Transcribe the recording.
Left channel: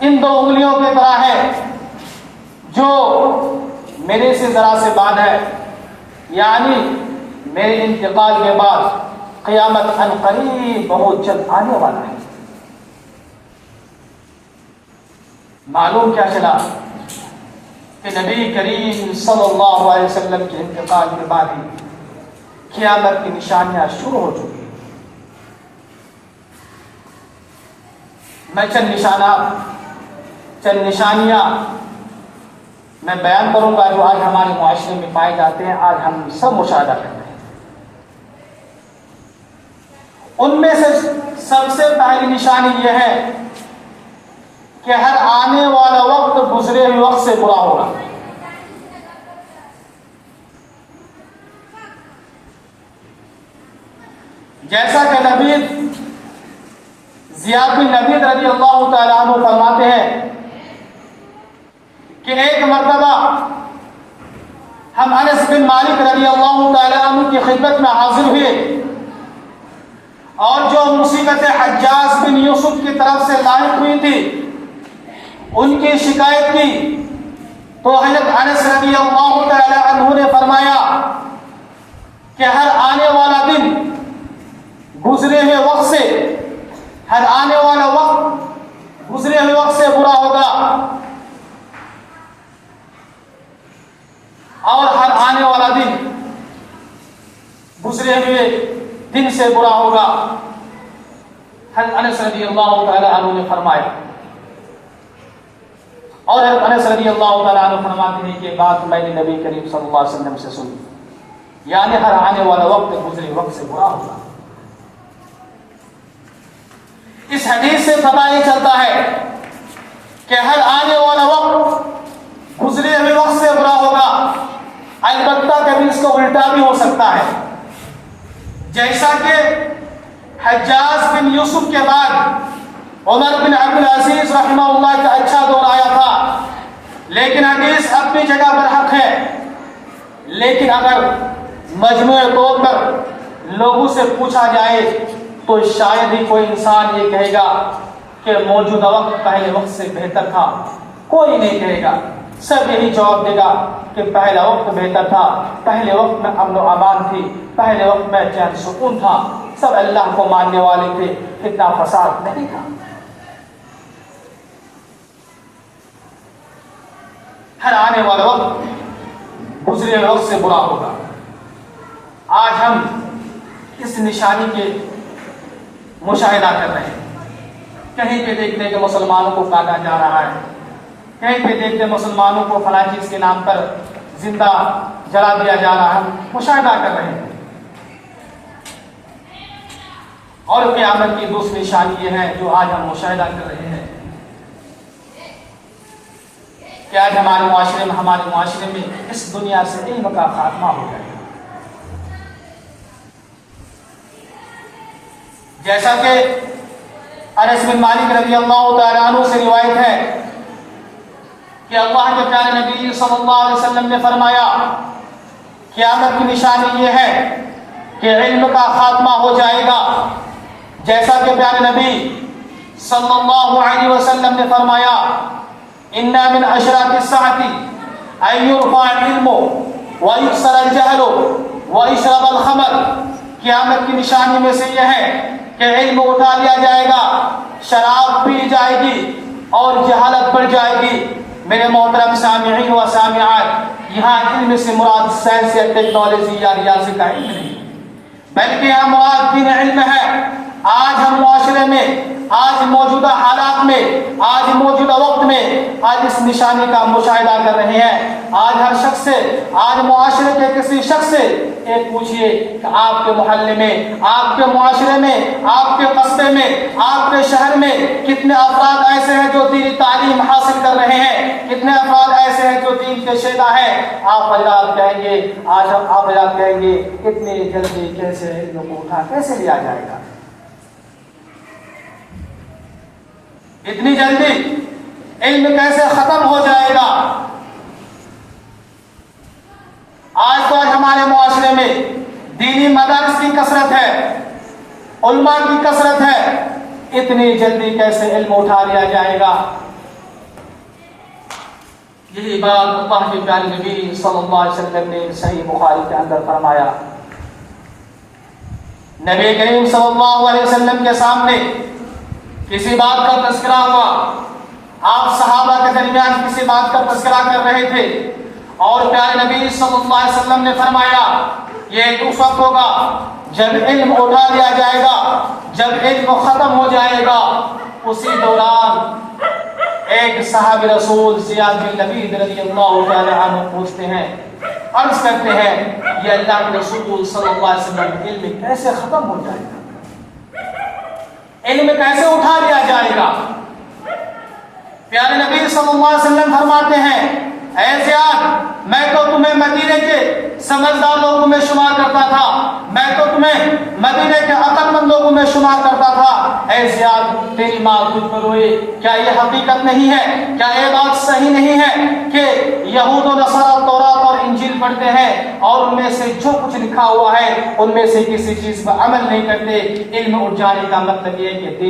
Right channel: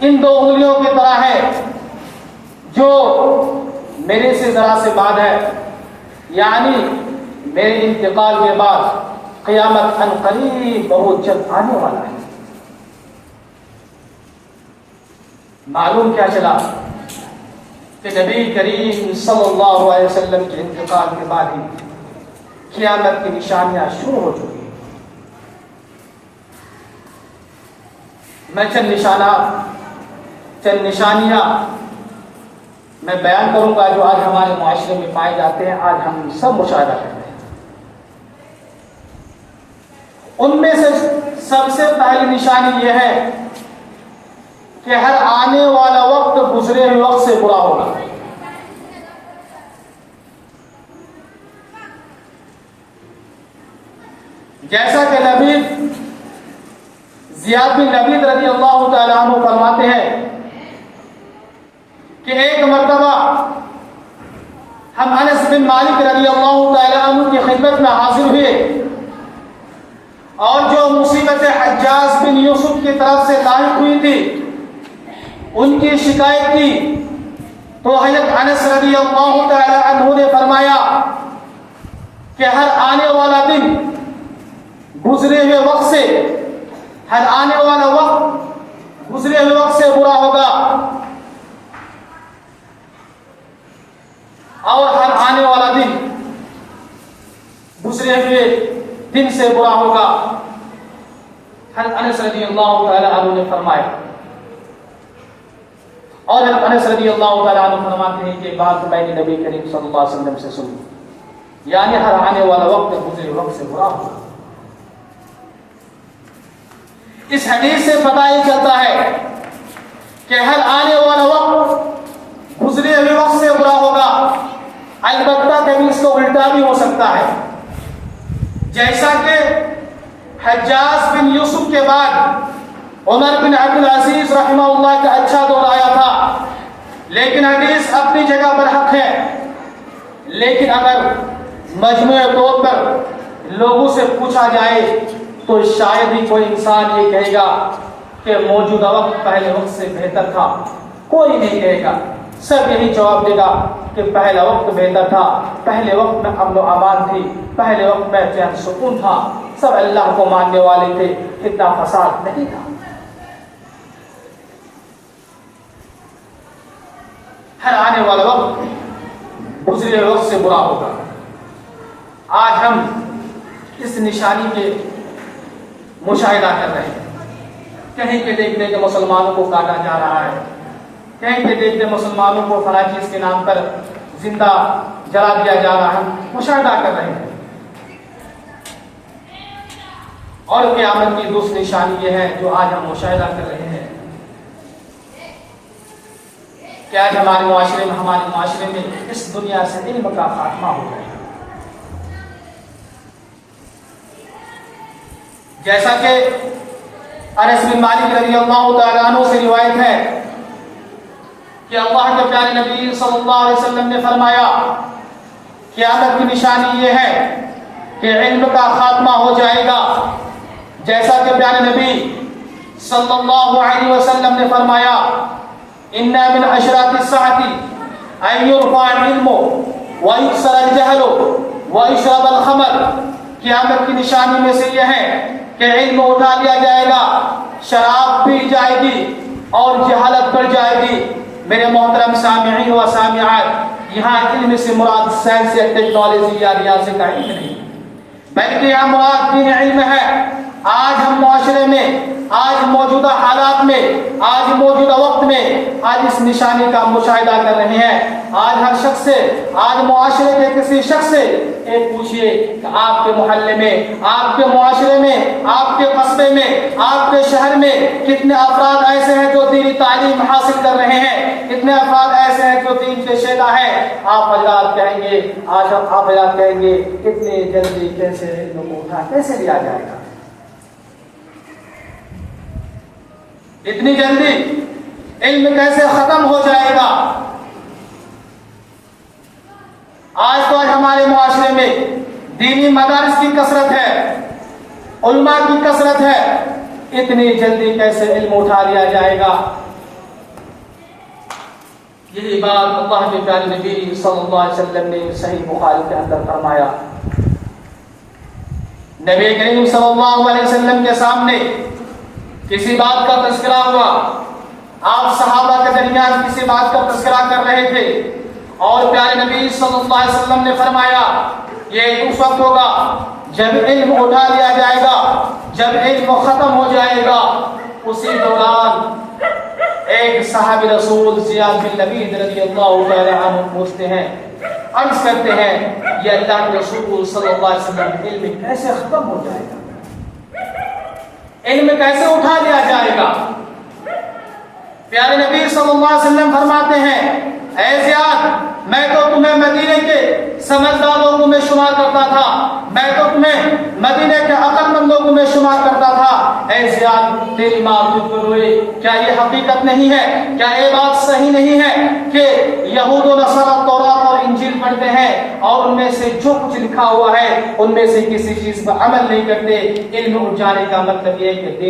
ان دو انگلیوں کی طرح ہے جو میرے سے ذرا سے بعد ہے، یعنی میرے انتقال کے بعد قیامت ان قریب بہت جلد آنے والا ہے۔ معلوم کیا چلا کہ نبی کریم صلی اللہ علیہ وسلم کے انتقال کے بعد ہی قیامت کی نشانیاں شروع ہو چکی ہیں۔ میں چند نشانیاں میں بیان کروں گا جو آج ہمارے معاشرے میں پائے جاتے ہیں، آج ہم سب مشاہدہ کرتے ہیں۔ ان میں سے سب سے پہلی نشانی یہ ہے کہ ہر آنے والا وقت گزرے ہوئے وقت سے برا ہوگا۔ جیسا کہ زیاد بن نبید رضی اللہ تعالیٰ عنہ فرماتے ہیں کہ ایک مرتبہ ہم انس بن مالک رضی اللہ تعالیٰ عنہ کی خدمت میں حاضر ہوئے اور جو مصیبت حجاج بن یوسف کی طرف سے لاحق ہوئی تھی ان کی شکایت کی، تو حضرت انس رضی اللہ تعالیٰ عنہ نے فرمایا کہ ہر آنے والا دن گزرے ہوئے وقت سے، ہر آنے والا وقت گزرے ہوئے وقت سے برا ہوگا، اور ہر آنے والا دن گزرے ہوئے دن سے برا ہوگا۔ حضرت انس رضی اللہ تعالیٰ عنہ نے فرمایا، اور حضرت انس رضی اللہ تعالیٰ عنہ فرماتے ہیں کہ بات میں نے نبی کریم صلی اللہ علیہ وسلم سے سنی، یعنی ہر آنے والا وقت گزرے وقت سے برا ہوگا۔ اس حدیث سے پتہ یہ چلتا ہے کہ ہر آنے والا وقت گزرے ہوئے وقت سے برا ہوگا، البتہ کبھی اس کو الٹا بھی ہو سکتا ہے، جیسا کہ حجاج بن یوسف کے بعد عمر بن عبدالعزیز رحمہ اللہ کا اچھا دور آیا تھا، لیکن حدیث اپنی جگہ پر حق ہے، لیکن اگر مجموعی طور پر لوگوں سے پوچھا جائے تو شاید ہی کوئی انسان یہ کہے گا کہ موجودہ وقت پہلے وقت سے بہتر تھا، کوئی نہیں کہے گا، سب یہی جواب دے گا کہ پہلا وقت بہتر تھا، پہلے وقت میں امن و امان تھی، پہلے وقت میں چین سکون تھا، سب اللہ کو ماننے والے تھے، اتنا فساد نہیں تھا۔ ہر آنے والا وقت گزرے ہوئے وقت سے برا ہوگا۔ آج ہم اس نشانی کے مشاہدہ کر رہے ہیں، کہیں پہ دیکھتے ہیں کہ مسلمانوں کو کاٹا جا رہا ہے، کہیں پہ دیکھتے ہیں مسلمانوں کو فلاں چیز کے نام پر زندہ جلا دیا جا رہا ہے، مشاہدہ کر رہے ہیں۔ اور قیامت کی دوسری نشانی یہ ہے جو آج ہم مشاہدہ کر رہے ہیں کہ آج ہمارے معاشرے میں اس دنیا سے علم کا خاتمہ ہو گیا۔ جیسا کہ انس بن مالک رضی اللہ تعالیٰ عنہ سے روایت ہے کہ اللہ کے پیارے نبی صلی اللہ علیہ وسلم نے فرمایا قیامت کی نشانی یہ ہے کہ علم کا خاتمہ ہو جائے گا، جیسا کہ پیارے نبی صلی اللہ علیہ وسلم نے فرمایا ان من اشراط الساعة ان يرفع العلم ويكسر الجهل ويشرب الخمر، قیامت کی نشانی میں سے یہ ہے کہ علم اٹھا لیا جائے گا، شراب پی جائے گی اور جہالت بڑھ جائے گی۔ میرے محترم سامعین و سامعات، یہاں علم سے مراد سائنس یا ٹیکنالوجی یا ریاضی کا علم نہیں، بلکہ یہاں مراد دین علم ہے۔ آج ہم معاشرے میں، آج موجودہ حالات میں، آج موجودہ وقت میں آج اس نشانی کا مشاہدہ کر رہے ہیں۔ آج ہر شخص سے، آج معاشرے کے کسی شخص سے ایک پوچھئے کہ آپ کے محلے میں، آپ کے معاشرے میں، آپ کے قصبے میں، آپ کے شہر میں کتنے افراد ایسے ہیں جو دینی تعلیم حاصل کر رہے ہیں، کتنے افراد ایسے ہیں جو دین کے شیدا ہیں۔ آپ حضرات کہیں گے، آج آپ حضرات کہیں گے اتنی جلدی کیسے علم کو اٹھا کیسے لیا جائے گا، اتنی جلدی علم کیسے ختم ہو جائے گا۔ آج تو ہمارے معاشرے میں دینی مدارس کی کثرت ہے، علماء کی کثرت ہے، اتنی جلدی کیسے علم اٹھا لیا جائے گا۔ یہی بات اللہ کے پیارے نبی صلی اللہ علیہ وسلم نے صحیح بخاری کے اندر فرمایا. نبی کریم صلی اللہ علیہ وسلم کے سامنے کسی بات کا تذکرہ ہوا. آپ صحابہ کے درمیان کسی بات کا تذکرہ کر رہے تھے اور پیارے نبی صلی اللہ علیہ وسلم نے فرمایا یہ اس وقت ہوگا جب علم اٹھا لیا جائے گا, جب علم ختم ہو جائے گا. اسی دوران ایک صحابی رسول زیاد بن لبید رضی اللہ تعالی عنہ پوچھتے ہیں, عرض کرتے ہیں یہ اللہ کے رسول صلی اللہ علیہ وسلم علم کیسے ختم ہو جائے گا, علم کیسے اٹھا لیا جائے گا؟ پیارے نبی صلی اللہ علیہ وسلم فرماتے ہیں اے زیاد میں تو تمہیں مدینے کے سمجھدار لوگوں میں شمار کرتا تھا, میں تو تمہیں مدینے کے عقل مند لوگوں میں شمار کرتا تھا. اے زیاد تیری ماں تجھ پر روئے, کیا یہ حقیقت نہیں ہے, کیا یہ بات صحیح نہیں ہے کہ یہود و نصارہ تورات اور انجیل پڑھتے ہیں اور ان میں سے جو کچھ لکھا ہوا ہے ان میں سے کسی چیز پر عمل نہیں کرتے؟ علم اٹھ جانے کا مطلب یہ ہے کہ